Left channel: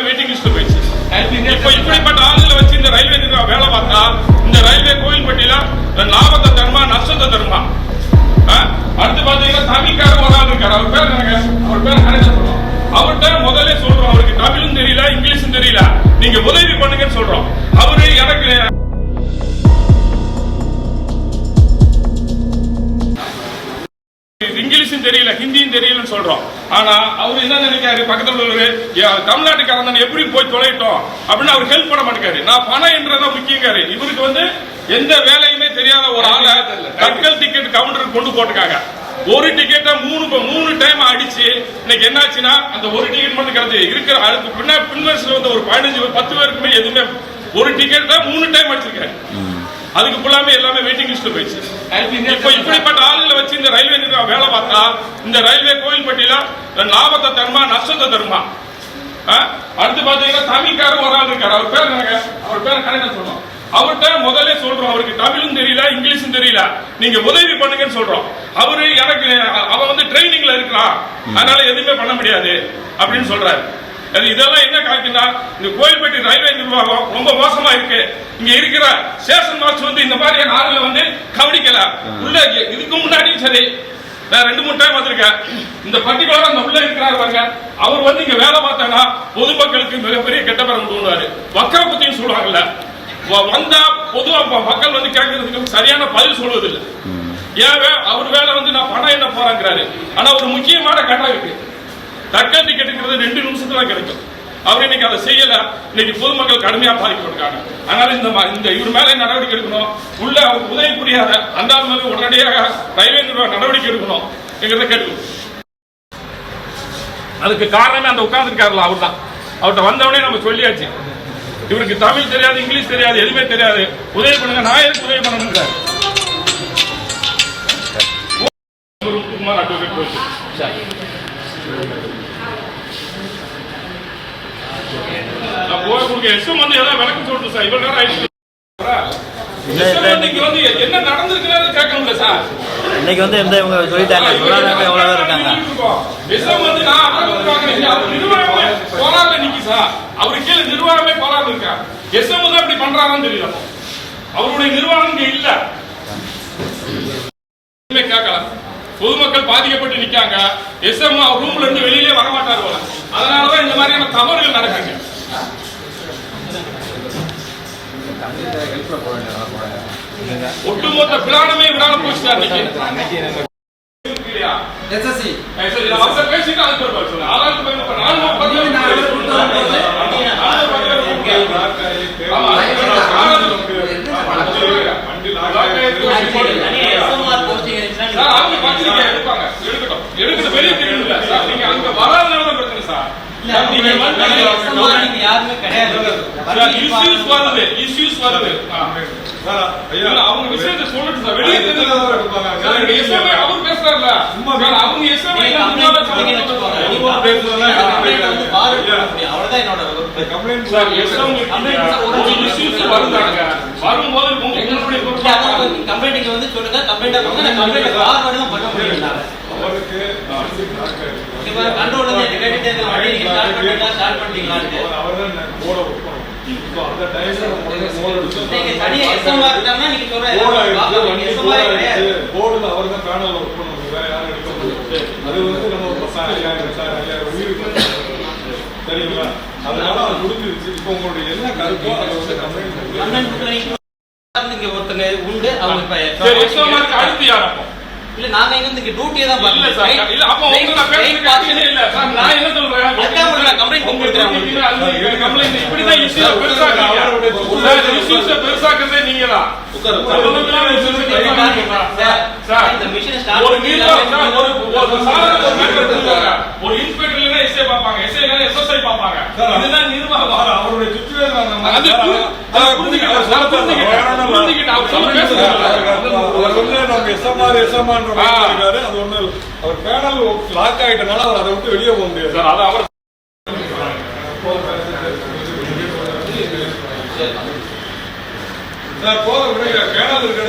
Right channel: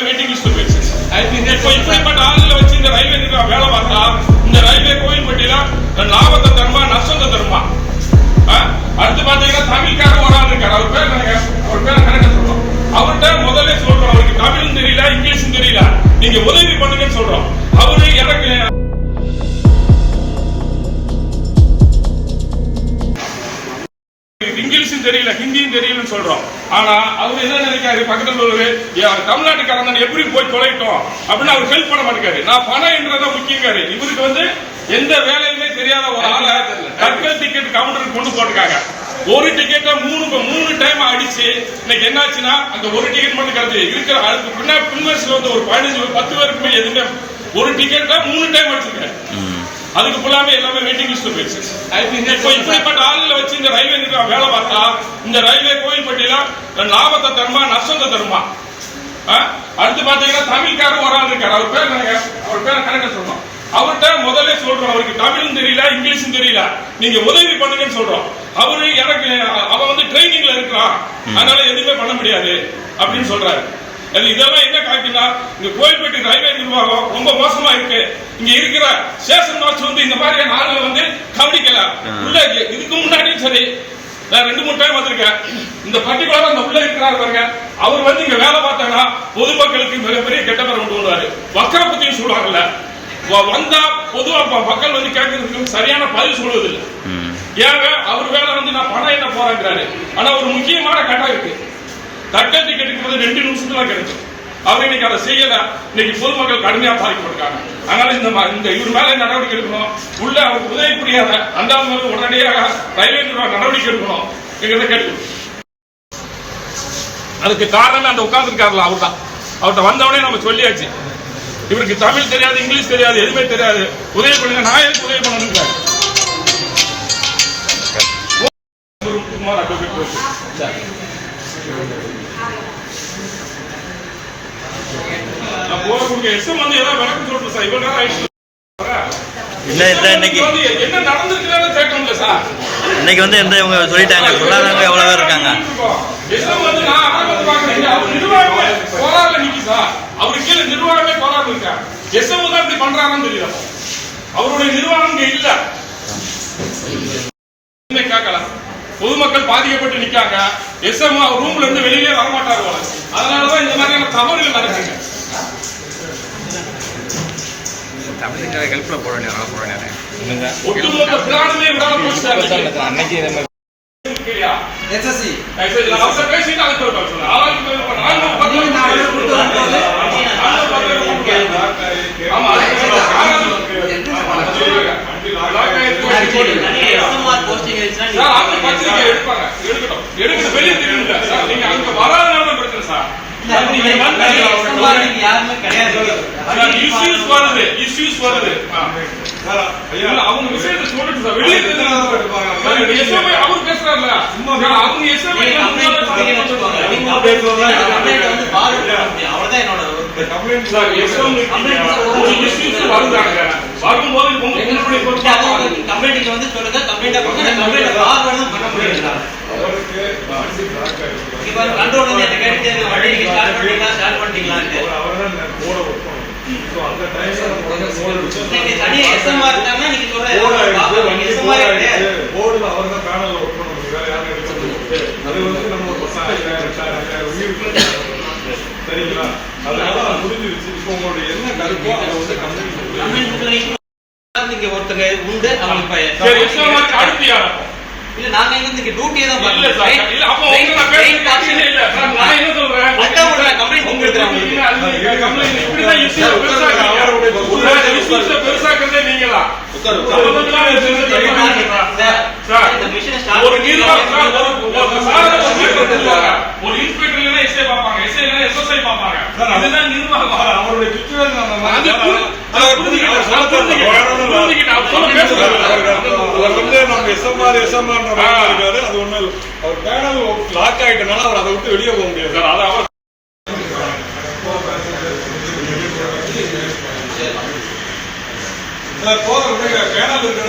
எல்லாமே waiting list போயிடுச்சு. இப்போ இப்படிப்பட்ட ஆளுகளை வச்சு இந்த ரயில்வே நிர்வாகம் வேலை பார்த்தா இந்த ரயில்வே கோயில்பட்டியில லாபத்தை தருமா நஷ்டத்தை தருமா? அடுத்து பாத்தீங்கன்னா தமிழ்காரர் ஒரு ஆள் இருக்காரு. அவர் பேர் அவர் பேர் கணக்க சொல்றோம். அவர்கிட்ட முதல்ல சொல்றோம். அவருக்கு தமிழும் தெரியல இங்கிலீஷும் தெரியல. நீங்க உதவி பண்ணுங்கன்னு சொல்றோம். அவரு எனக்கு இங்கிலீஷும் தெரியல ஹிந்தியும் தெரியலன்னு சொல்றோம். ஆனா அவர் என்ன நினைக்காரு பக்கத்துல உள்ளவரு "ஏன் தமிழ்நாட்டுக்காரன் எப்படி போய் தொலைட்டோம் அப்படின்னு அவர் ஹெல்ப் பண்ண மாட்டேங்காரு நான் பணம் என்றதான் முக்கியங்காரு இவருக்கு வந்து எந்த வேலையுமே தெரியாத ஒரு ஆளை தட்கல் டிக்கெட் கவுண்டருக்கு கொண்டு போட்டுருக்காங்க. ஒரு டிக்கெட்டை மூணு மூணு டைம் அடிச்சு இன்னைக்கு என்னாச்சுன்னா அந்த ஒரு டிக்கெட் மட்டும் கிடைச்சு இருக்கிற அதுக்கு பின்னா பின்வரிசையில் வந்து ஒரு பதினஞ்சு பத்து பேருக்குமே எதுவுமே ஒரு டிக்கெட்டை மூணு டைம் அடிச்சிருக்காரு. அதுக்கு ஃபுல்லாமே எல்லாமே வெயிட்டிங் லிஸ்ட் போயிடுச்சு. இப்போ இப்படிப்பட்ட ஆளுகளை வச்சு இந்த ரயில்வே நிர்வாகம் வேலை பார்த்தா இந்த ரயில்வே கோயில்பட்டியில லாபத்தை தருமா நஷ்டத்தை தருமா? அடுத்து பாத்தீங்கன்னா தமிழ்காரர் ஒரு ஆள் இருக்காரு. அவர் பேர் அவர் பேர் கரெக்டா சொல்றோம். அவர்கிட்ட முதல்ல சொல்றோம். அவருக்கு தமிழும் தெரியல இங்கிலீஷும் தெரியல. நீங்க உதவி பண்ணுங்கன்னு சொல்றோம். அவரு எனக்கு அவன் வந்து ட்ரைனிங்ல இருக்கிறான். அதனால எதுவுமே பண்ண முடியாது அப்படின்னு சொல்றாரு. அது இதெல்லாம் என்ன காட்டுனா இந்த கோயில்பட்டி ரயில்வே நிர்வாகம் ரொம்ப மோசமா இருக்கு. இங்க இருக்கிற ஸ்டேஷன் மாஸ்டர் வந்து இந்த மாதிரியான ஆளுகளை வந்து கவனிக்கல. உள்ள இதுக்கு முன்னாடியும் சரி. நான் ரெண்டு மூணு டைம் வந்திருக்கேன் இந்த பர்டிகுலரா அந்த உள்ள இருக்கிறாரு பாருங்க. அவர் வந்து இங்க வேலை பார்த்தாங்கன்னா பொதுமக்களுக்கு மிகப்பெரிய கெட்ட பேர் கொண்டு வருவாரு. வக்கர பத்தியும் சொல்லுவாங்கல்ல. வந்தா பொதுவா மக்கள் வந்து கேட்கறதுக்கு சரியான பதில் சொல்வதில்லை. ஏங்க அவர் வேலை வந்து நான் பணம் என்ன போறாங்கிறாரு. ஆனா ஒரு முக்கியமான கட்டம் இருக்கு. தக்க டிக்கெட்டுங்கிறது ரெண்டு நிமிஷத்துல தான் கிடைக்கும். அவர் இன்னைக்கு அதை செய்யல. இன்னைக்கு பொதுமக்கள் கடுமையா பாதிக்கப்பட்டிருக்காங்க. அதனால இந்த இந்த இவர் மேல நடவடிக்கை எடுக்கணும்? உள்ள அவருக்கு உதவி புரியாத அந்த ஆள் உடனடியாக ரயில்வே நிர்வாகம் நடவடிக்கை எடுக்கணும் எங்கிறத கேட்டு அதுக்கு காரணமே அந்த உட்கார்ந்துருக்காருல அவர் தான் அவர்கிட்ட வந்தவனே நம்ம சொல்லியாச்சு. இவருக்கு தமிழ் தெரியாது இங்கிலீஷ் தெரியாது எதுவுமே தெரியாது. உதவி பண்ணுங்க. நான் எதுக்கு உதவி பண்ணணுங்கிறாரு இல்ல, இல்ல, இன்னைக்கு- இன்னைக்கு வந்து எந்த இவங்க சொல்லிட்டாங்க? சொல்லாதவங்க எவ்வளவு பேர் இருக்காங்க? அவரை கீழே நிர்வாகமே போராட இருக்கா? எஸ்எம் தான் இப்படி பண்றாரான்னு தெரியல. அப்போ. அவருடைய நிர்வாகம் இங்க இல்ல. கேட்கல. பொதுமக்கள் பாதிக்கப்பட்டு நிக்காங்க. எஸ்எம் ரூம்ல இருந்து வெளியிலே வர மாட்டாரு அதனாலதான் இந்த மாதிரியான தவறுகள் நடக்குங்க ஒட்டுமொத்த பிளானுமே விடாம போச்சு சார்? எஸ்எஸ்சி. சரி, அவசர பேசிட்டு அதுக்கு ஒரு பதில் சொல்லுங்க. ஆளாளுக்கு பதில் சொல்லுங்க. நானூறு பதில் சொல்லுங்க. நானூறு பதில் சொல்லுங்க. ஆமா, நானூறு சார், அவங்க பத்திரிக்கை எடுப்பாங்க. எடுக்கட்டும். எடுக்கட்டும். வெளியே தெரியணும்ல. சார், நீங்க அங்க வராதனால தான் பிரச்சனை சார். சார், நீங்க வந்து சார், issues வருது issues வருது. ஆ. இல்ல, அவங்க விஷயத்தை சொல்லிட்டு சார், வெளியே தெரியணும். சார், SMI அவர் போர்டுல அவர் தான் பேனல்ல ஒர்க் பண்ண முடியும் வேற யாரும் எடுக்க முடியாது. அது வந்து நம்ம ஒரு பசங்க ஐயாயிரம் சார் ஐயாயிரம் உயிர் சரிங்களா? அதனால அது முடிஞ்சிருச்சு. இப்போ உங்களுடைய என்ன கருத்தோ அதை வந்து கம்பெனி ஒருத்தங்க உண்டு. அவங்க சரி SMI க்கு அடுத்து யார் அப்போ? இல்ல நாங்க இங்க டியூட்டியே தான் இல்ல சார், இல்ல, அப்போ நான் ஆட்சியே இல்ல. சார், நான் என்ன சொல்றேன்? அதான் உங்களை நான் complaint உங்க கொடுக்குறேன் duty அது நீங்க complaint இப்படிதான் issues பெருசாக்குறீங்க. சார், issues அ பெருசாக்குறதே மிஷினை ஸ்டார்ட் ஒரு நிர்வாகம் சார், ஒரு சாதாரண ஒரு இன்ஸ்பெக்டர் இல்லைன்னா எஸ்ஐ பார்ப்பாங்க. எஸ்ஐ இல்லைன்னா எஸ்எஸ்ஐ பார்ப்பாங்க. நிர்வாகம். அவருடைய. அவர் பேனல் லாக் ஆயிட்டனால அவர் அதை விட்டு வெளியே போக முடியாது. அவர் போகிற பேனல் இருக்கிற